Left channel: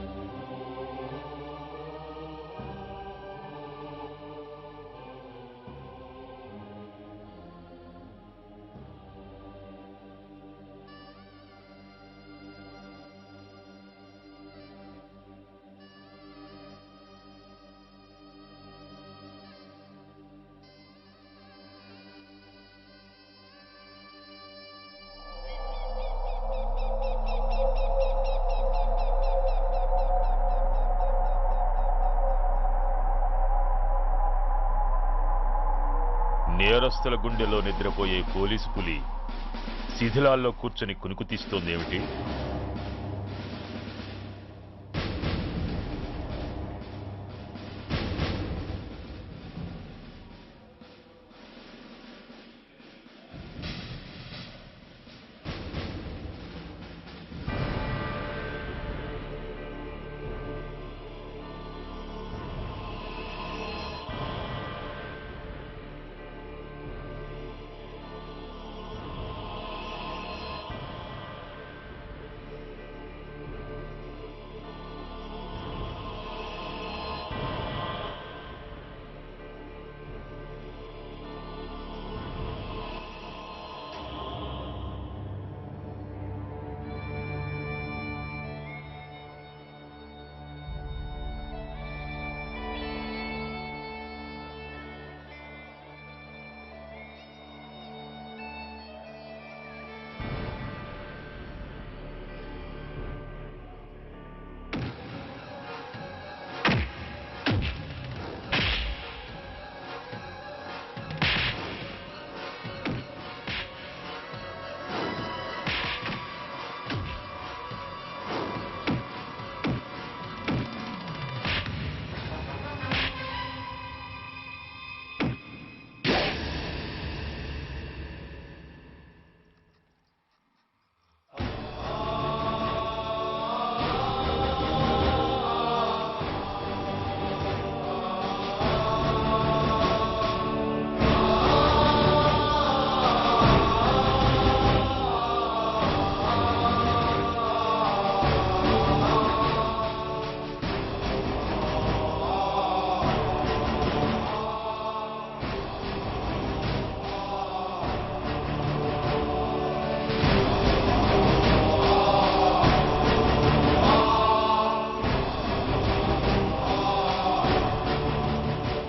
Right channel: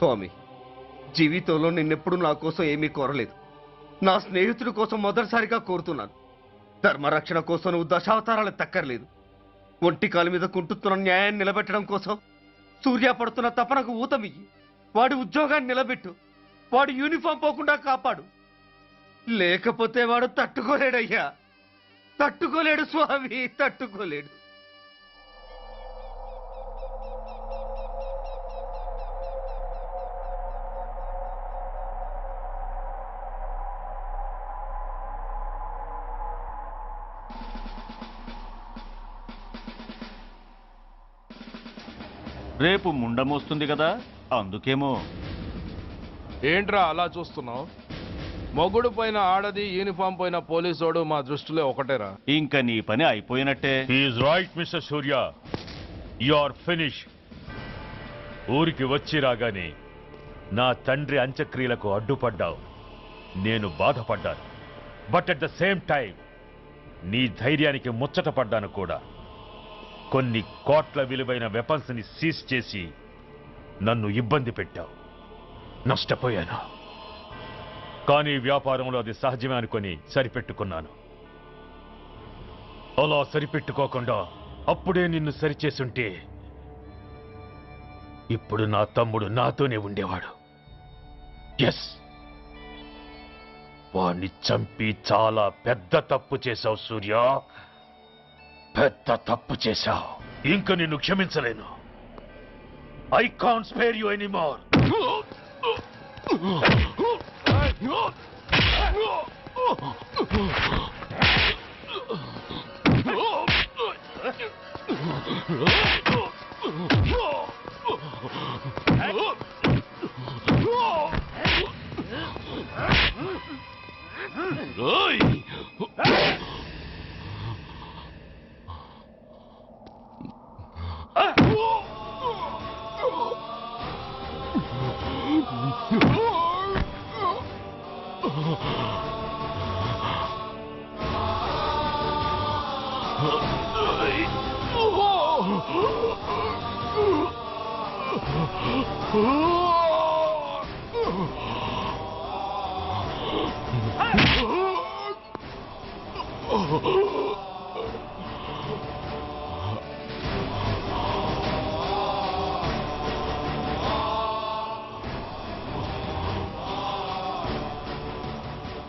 స్వామి, జీవితంలో నిన్నెప్పుడు నా కోసం ఏమీ కోరలేదు. నా స్నేహితుడి కోసం మొదటిసారిగా కోరుతున్నాను. ధర్మరక్షణ కోసం నువ్వు దశావతారాలు తక్కర్లేదు. ఒంటి కాలు మీద కుంటుతున్న న్యాయాన్ని నిలబెట్టడం కోసం సూర్య పడుతున్న తపనకు ఊతమియ్యి. వాడి ఉద్యోగాన్ని నిలబెట్టు. వాడి యూనిఫామ్ పోకుండా కాపాడు. లేకపోతే వాడు తట్టుకోలేడయ్యా, తట్టుకోలేడు స్వామి, తట్టుకోలేడు. నేరస్తుల గుండెలో నిద్రపోయే పోలీసు పులి శిథిలాల్లో కూర్చొని కునుకు తీస్తోందేమిటి? రేపు ముండమొస్తుంది కదా, అందుకేమో. ఏంట్రా అలా చూస్తున్నావు? మొగుడు పైన ఆడది, యూనిఫామ్ పైన పోలీసోడు మా దృష్టిలో ఒకటేరా. ఇంకా నీ పని అయిపోయినట్టే. He's right mister Surya, you are finish. ఊరికి వచ్చి రాగానే నా తండ్రి అంత్యక్రియలకు అడ్డుపడ్డావు. నేను బాధపడ్డాను. But at the same time నీ ధైర్యానికి ముచ్చట పడ్డాను కూడా. కొన్ని కోట్ల విలువైన వెపన్స్ ని సీజ్ చేసి నన్ను ఇబ్బంది పెట్టావు. నష్టపోయాను. కానీ వ్యాపారంలో అది సహజమే అనుకొని సరిపెట్టుకున్నాను. అలా సరిపెట్టుకోకుండా అప్పుడే నిన్ను సరిచేసుంటే ఇప్పుడు నా తమ్ముడు నాతోనే ఉండేవాడు. ఎస్, వాణ్ణి చంపి చాలా పెద్ద తప్పు చేశావు సూర్య, పెద్ద తప్పు చేశావు. ఇంక నిన్ను క్షమించలేను. I can't spare you anymore.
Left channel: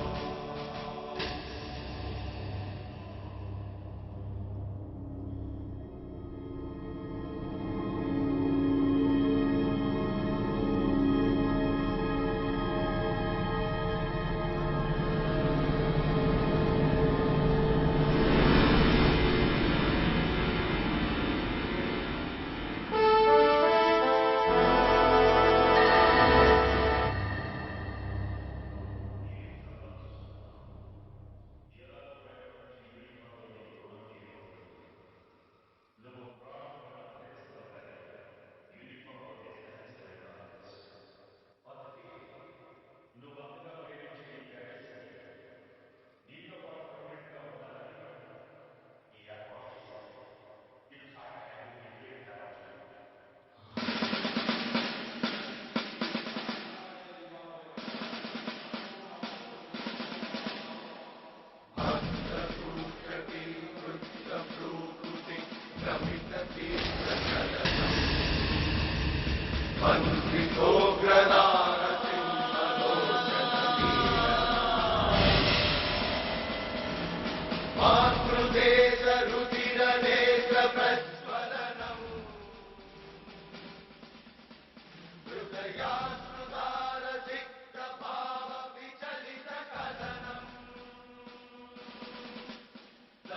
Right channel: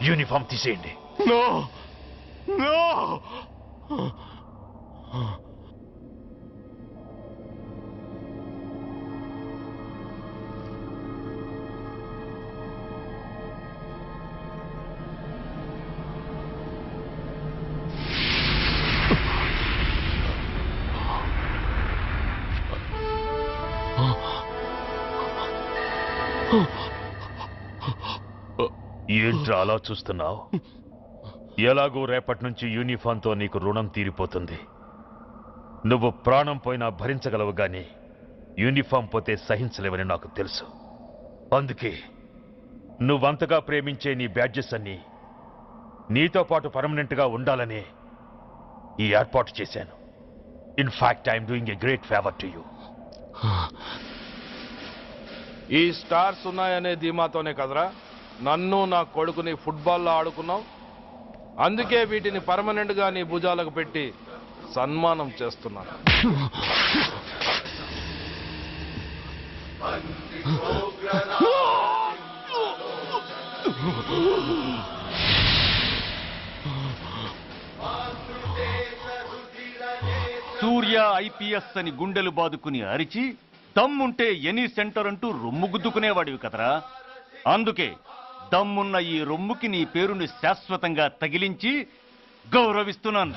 Uniform తీసేయండి. ఏంట్రా అలా చూస్తున్నావు? ఎలాగో రేపటి నుంచి యూనిఫామ్తో నీకు రుణం తీరిపోతుంది. నువ్వు ప్రాణం పోయినా భరించగలవు గాని యూనిఫామ్ పోతే సహించలేవని నాకు తెలుసు. అందుకే నువ్వంతగా ప్రేమించే నీ బ్యాడ్జెస్ అన్ని నీతో పాటు పర్మనెంట్గా ఉండాలని ఈ ఏర్పాటు చేశాను. In fact I'm doing a great favour to you. ఈ స్టార్స్ ఉన్నాయనే ధీమాతోనే కదరా నన్ను నా కొడుకుని ఫుట్బాల్లో ఆడుకున్నావు. అందుకే వీటిని పర్మనెంట్ గా నీ భుజాలకు పెట్టి సన్మానం చేస్తున్నాను. సూర్య ఐపీఎస్ అని గుండెలు బాదుకుని అరిచి దమ్ముంటే ఎనీ సెంటర్ అంటూ రొమ్ము గుద్దుకునేవాడివి కదరా. అందుకే దమ్మున్న ఈ రొమ్ముకి నీ పేరుని శాశ్వతంగా తగిలించి గౌరవిస్తున్నాను.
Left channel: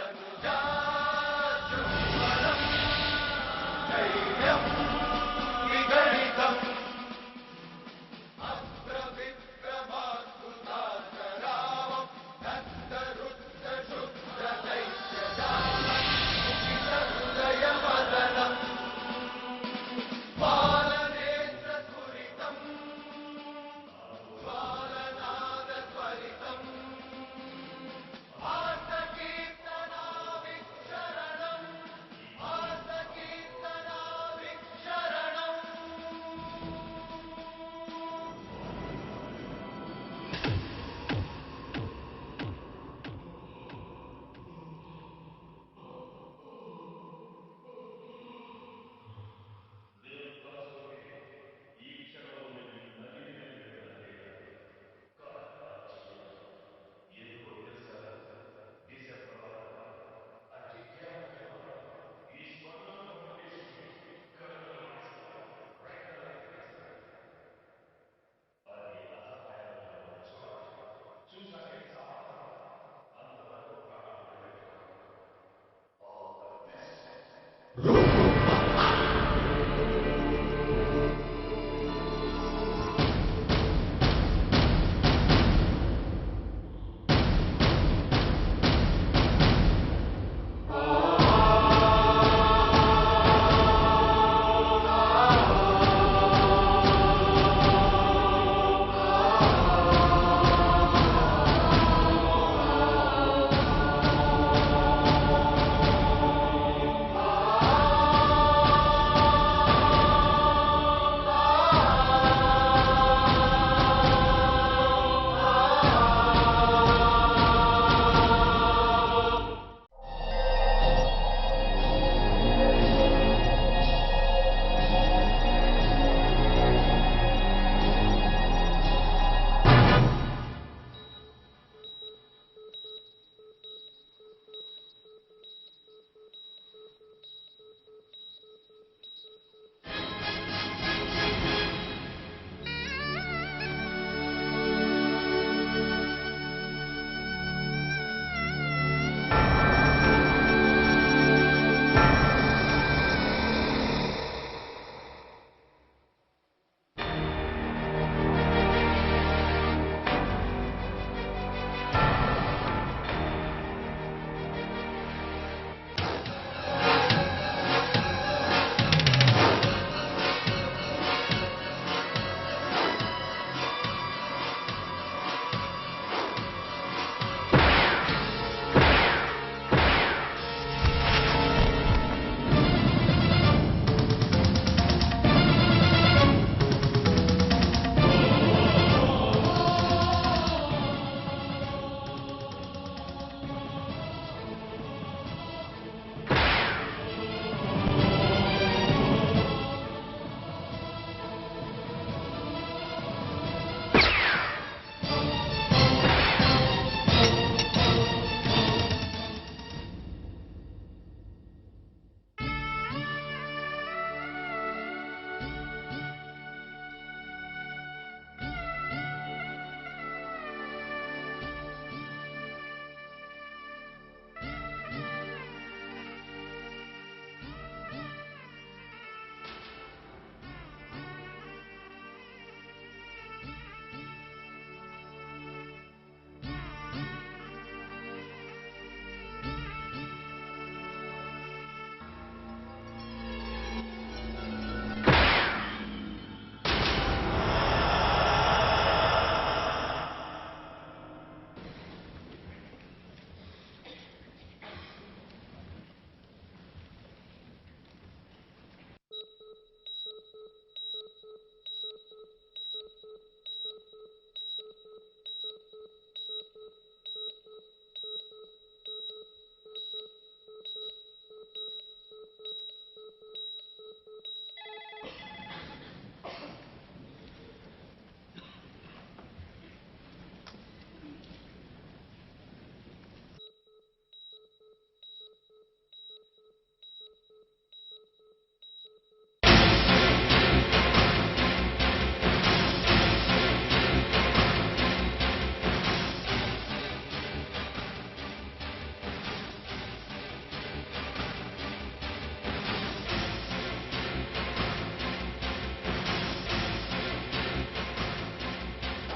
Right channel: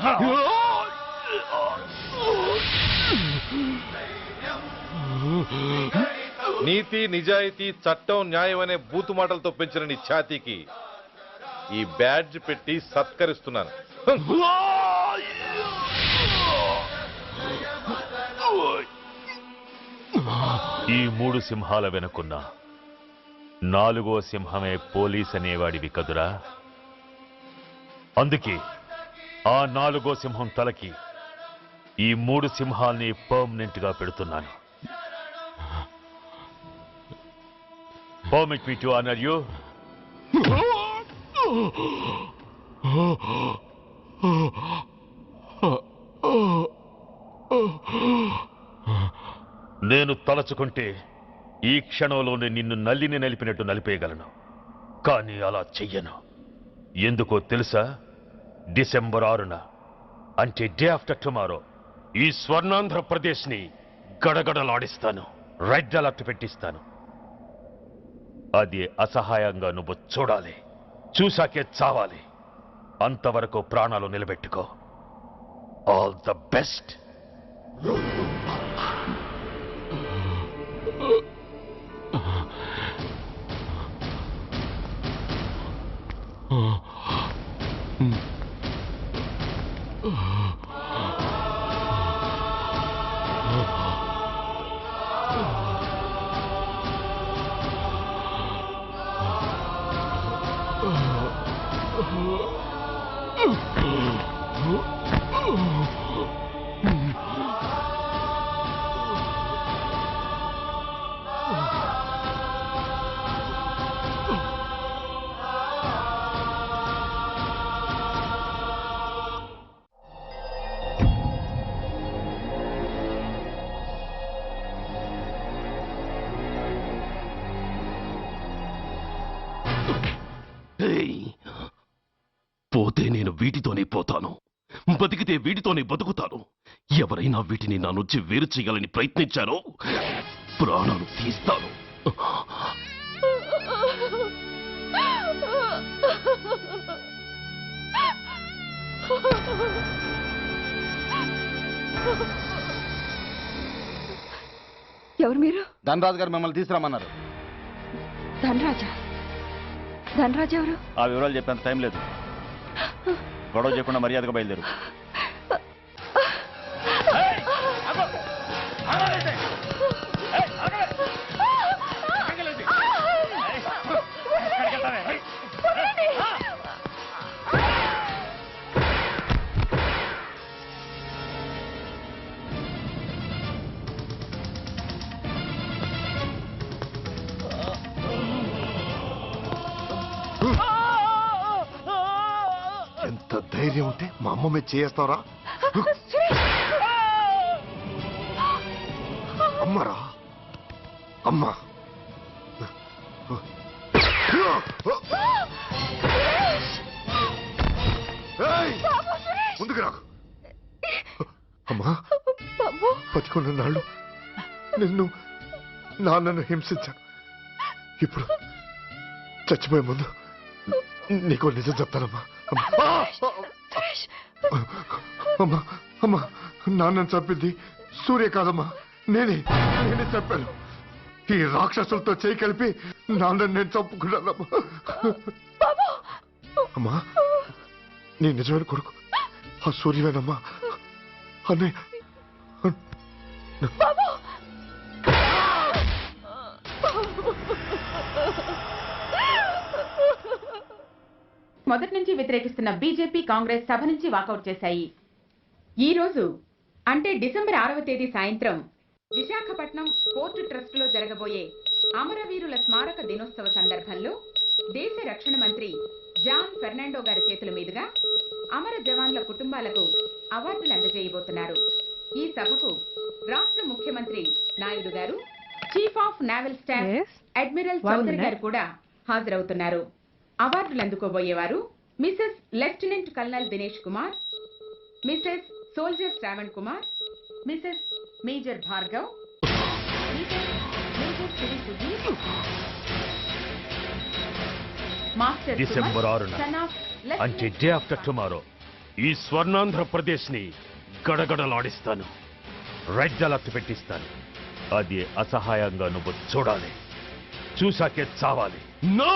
నీతి, నిజాయితీ, చట్టం, న్యాయం అనే బూతు మాటలతో పెంచిన నీ ఛాతీకి ఈ బ్యాడ్జ్ పెట్టి సత్కరిస్తున్నాను. ఈ మూడు సింహాల వెనుకున్న నాలుగో సింహమే పోలీస్ అనేవాడివి కదురా. అందుకే ఆ నాలుగో సింహం తలకి ఈ మూడు సింహాల్ని పర్మనెంట్ గా పెడుతున్నాను. Permit me to honor you. నేను తలచుకుంటే ఈ క్షణంలోనే నిన్ను నల్లిని నలిపినట్టు నలిపేయగలను. కానీ అలా చెయ్యను. ఎందుకో తెలుసా? డిసెంబర్ 6న అంటే డే ఆఫ్టర్ టుమారో ఈ స్వర్ణాంధ్రప్రదేశ్ని గడగడలాడిస్తాను. రెడ్ అలర్ట్ పెట్టిస్తాను. అది అసహాయంగా నువ్వు చూడాలి. చూశాకే చావాలి. అంతవరకు ప్రాణాలు నిలబెట్టుకో. All the best. పోతే నేను వీటితోనే పోతాను, బతికితే వీటితోనే బతుకుతాను. ఎవరైనా వీటిని నా నుంచి వేరు చేయాలని ప్రయత్నించారో ప్రాణం తీస్తాను. ఎవరు మీరు? ధనరాజు గారు మిమ్మల్ని తీసుకురామన్నారు. ధనరాజు? ధనరాజు ఎవరు? ఆ వివరాలు చెప్పేంత టైం లేదు. గొడవ చెప్పకుండా మర్యాదగా బయలుదేరు. ధైర్యం ఉంటే మా అమ్మ మీద చేస్తావరా? అమ్మరా అమ్మ. ముందుకు రా అమ్మా. బతికున్న నాళ్ళు నిన్ను నాన్నను హింసించాను. ఇప్పుడు చచ్చిపోయే ముందు నీకో నిజం చెప్తానమ్మా. అమ్మా అమ్మా, నాన్నను చంపింది సూర్య కాదమ్మా, నేనే చంపాను. ఈ రాక్షసులతో చేయి కలిపి నాన్నను నేను చంపుకున్నానమ్మా. అమ్మా, నీ నిజమైన కొడుకు ఆ సూర్యవేనమ్మా. అన్నయ్య మొదటి నుంచి వ్యతిరేకిస్తున్న బీజేపీ, కాంగ్రెస్ సభ నుంచి వాకౌట్ చేశాయి. ఈ రోజు అంటే డిసెంబర్ 6వ తేదీ సాయంత్రం విశాఖపట్నం పోర్టు ట్రస్టులో జరగబోయే అమరవీరుల స్మారక దినోత్సవ సందర్భంలో దేశ రక్షణ మంత్రి జాన్ ఫెర్నాండో గారి చేతుల మీదుగా అమర జవాన్ల కుటుంబాలకు అవార్డులు అందజేయబోతున్నారు. ఈ సభకు రాష్ట్ర ముఖ్యమంత్రి నాయుడు గారు, chief of naval staff admiral Chowdary గారు కూడా హాజరవుతున్నారు. అవార్డులు అందుకోబోయేవారు Mrs lieutenant colonel Dinesh Kumar, Mrs soldier Shravan Kumar, Mrs major Bhargav, master December 6 అంటే డే ఆఫ్టర్ టుమారో ఈ స్వర్ణాంధ్రప్రదేశ్ని గడగడలాడిస్తాను. రెడ్ అలర్ట్ పెట్టిస్తాను. అది అసహాయంగా నువ్వు చూడాలి. చూశాకే చావాలి. నో!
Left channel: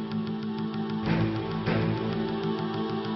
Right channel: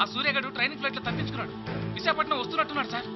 ఆ సూర్యగడు ట్రైనింగ్ ఫ్లైట్ లో తప్పించుకున్నాడు. విశాఖపట్నం వస్తున్నట్టున్నాడు సార్.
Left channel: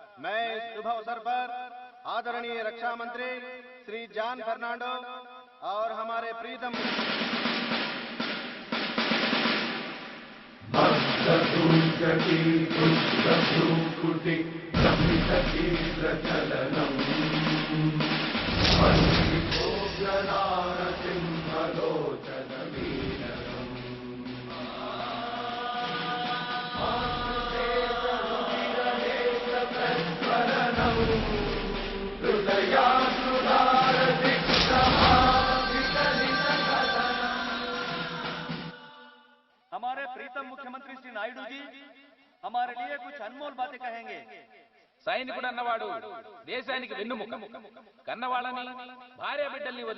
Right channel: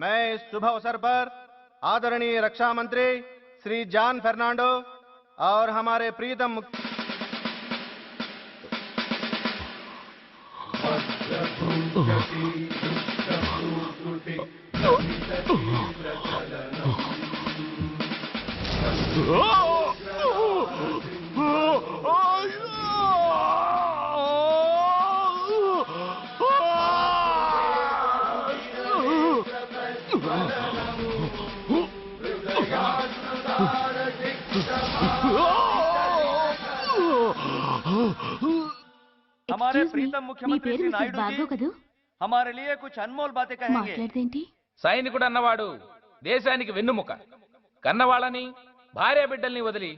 मैं इस शुभ अवसर पर आदरणीय रक्षा मंत्री श्री जॉन फर्नांडो और हमारे प्रीतम हमारे प्रीतम मुख्यमंत्री श्री नायडू जी हमारे लिए कुछ अनमोल बातें कहेंगे. సైనికుడు అన్నవాడు దేశానికి వెన్నుముక. కన్నవాళ్ళని భార్య బిడ్డల్ని వదిలి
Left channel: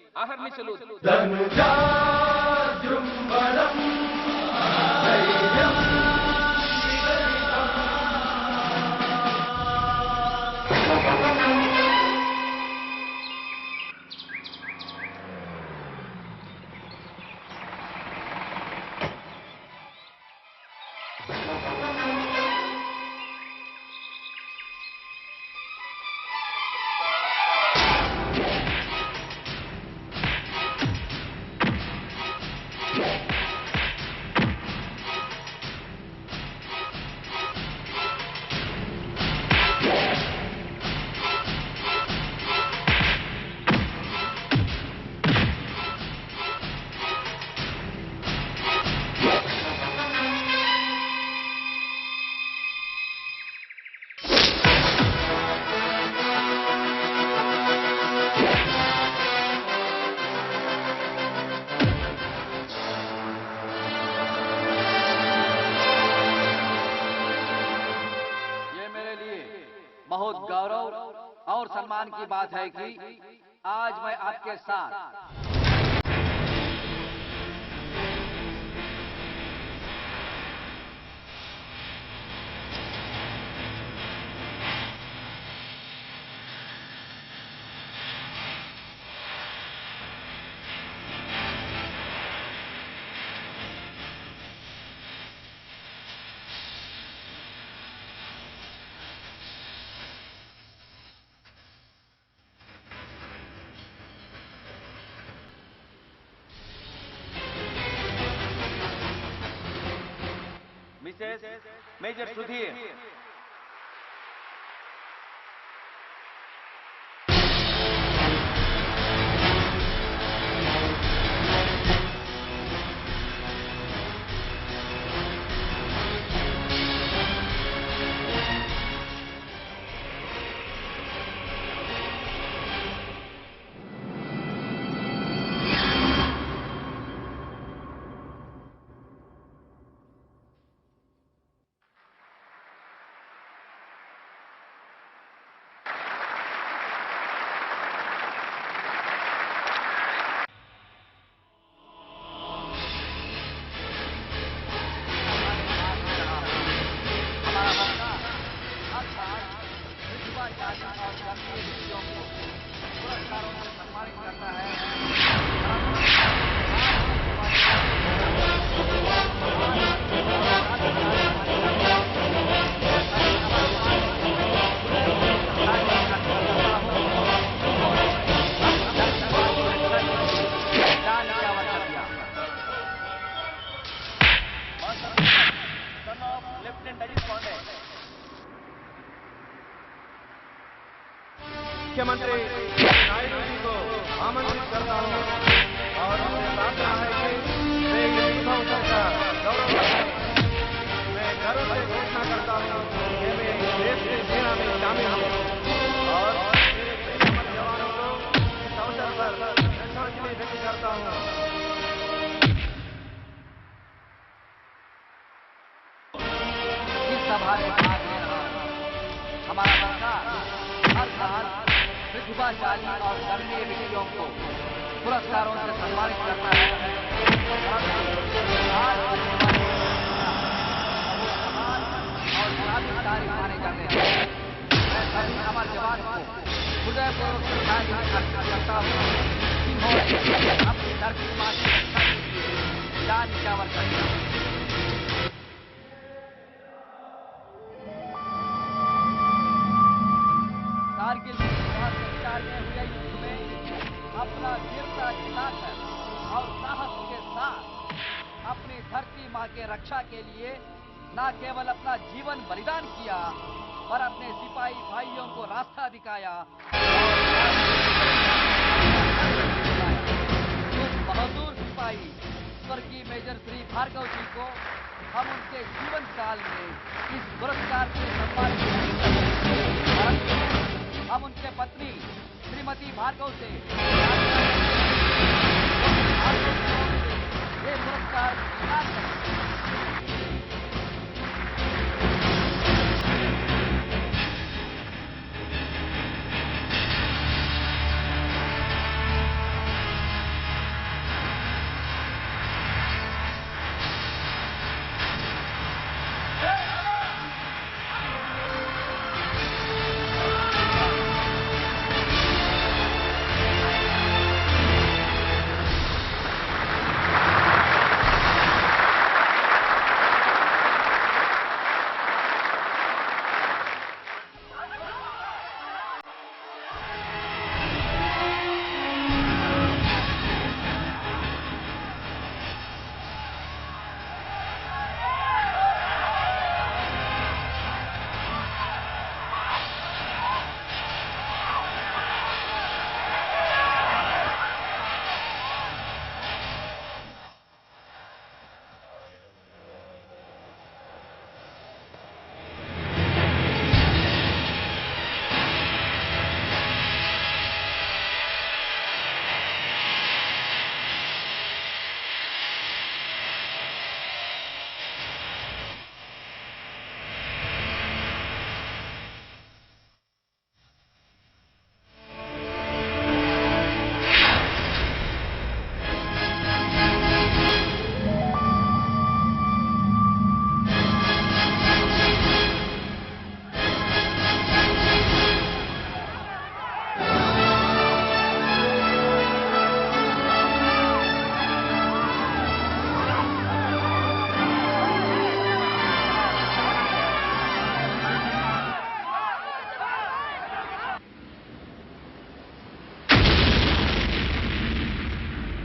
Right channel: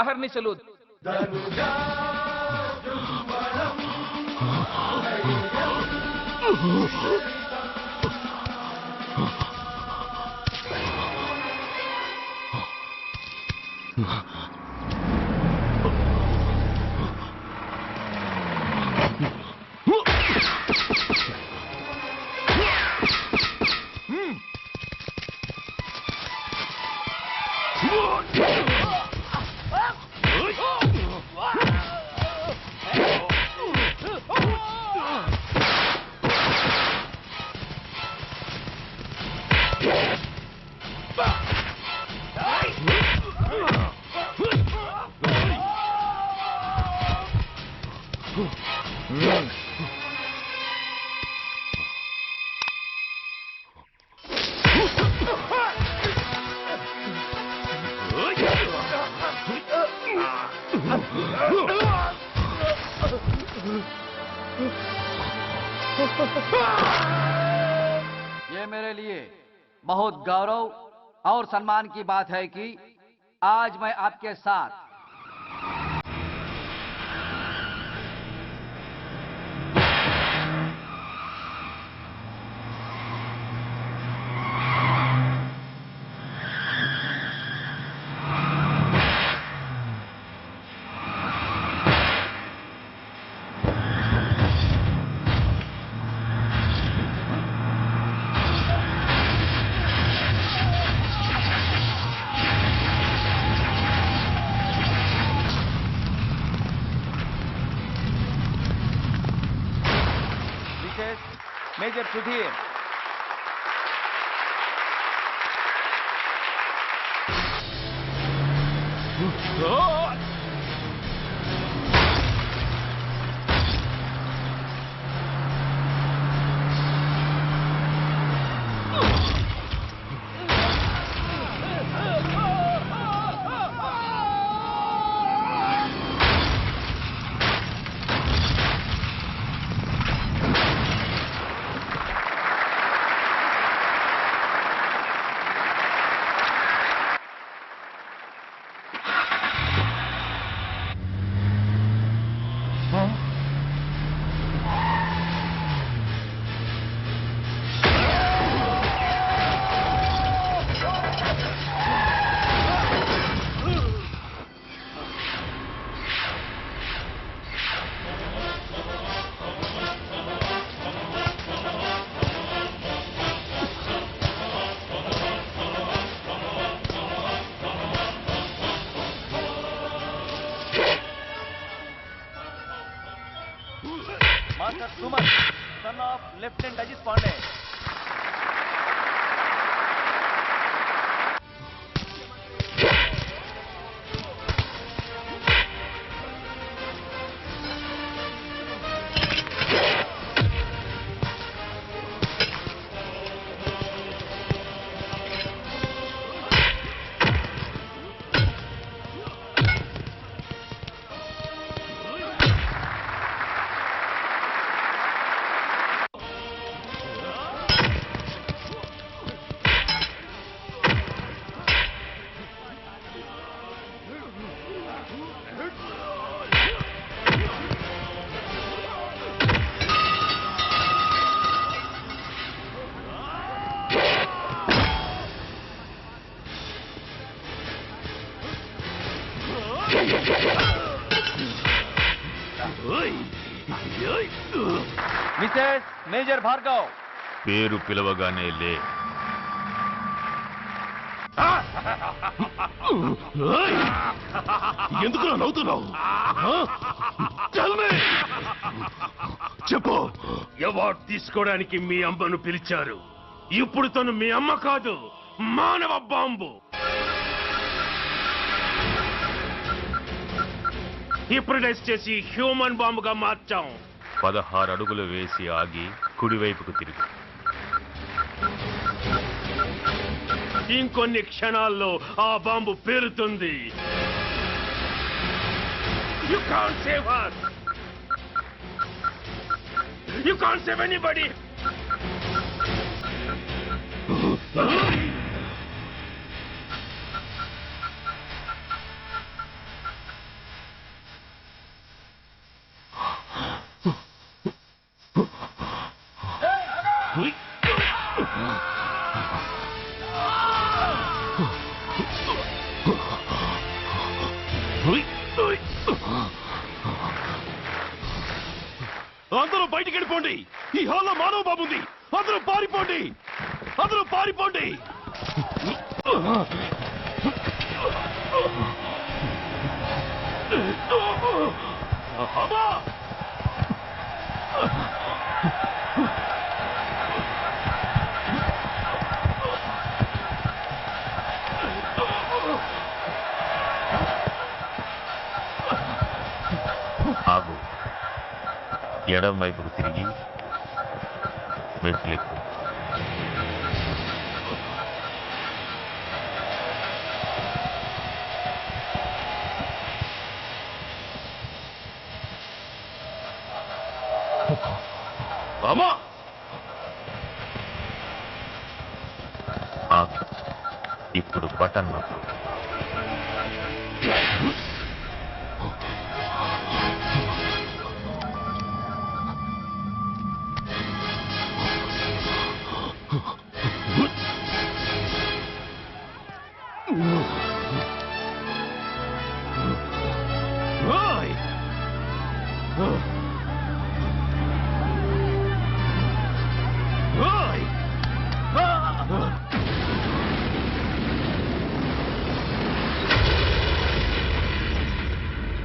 అహర్నిశలు बहुत गौरव और सम्मान की बात है कि आज मैं आपके साथ मेजर सुधीर मुख्यमंत्री नायडू जी को आमंत्रित करता हूं और उनसे प्रार्थना है कि वे इस शुभ अवसर का गौरव करें। मैं गर्व से घोषणा करता हूं कि वे इस देश की सेना में शामिल होंगे और जवानों को इस अवसर पर श्रद्धांजलि व्यक्त करता हूं। और धर्मीय व्यक्तियों को पुरस्कारों से सम्मानित करता है। हमारे जवान को हृदयपूर्वक మిసెస్ మేజర్ భార్గవ్ పేరు పిలవగానే లే. ఎందుకు నవ్వుతున్నావు? చెప్పు. అవార్డు తీసుకోవడానికి మీ అమ్మను పిలిచారు. ఇప్పుడు తను మీ అమ్మ కాదు, మానవ బాంబు. హిప్రటైజ్ చేసి హ్యూమన్ బాంబుగా మార్చాం. 16 అడుగులు వేసి ఆగి కుడివైపుకు తిరిగి ఇంకొన్ని క్షణాల్లో ఆ bomb పేలుతుంది. You can't save anybody. అందరూ బయటికి వెళ్ళిపోండి. ఈ హాల్లో మానవ బాబు ఉంది. అందరూ పారిపోండి. అందరూ పారిపోండి. అమ్మా! ఆగు. ఎడం వైపుకు తిరిగి మెట్లెక్కు. అమ్మా! ఆగు. ఇప్పుడు బటన్ నొక్కు.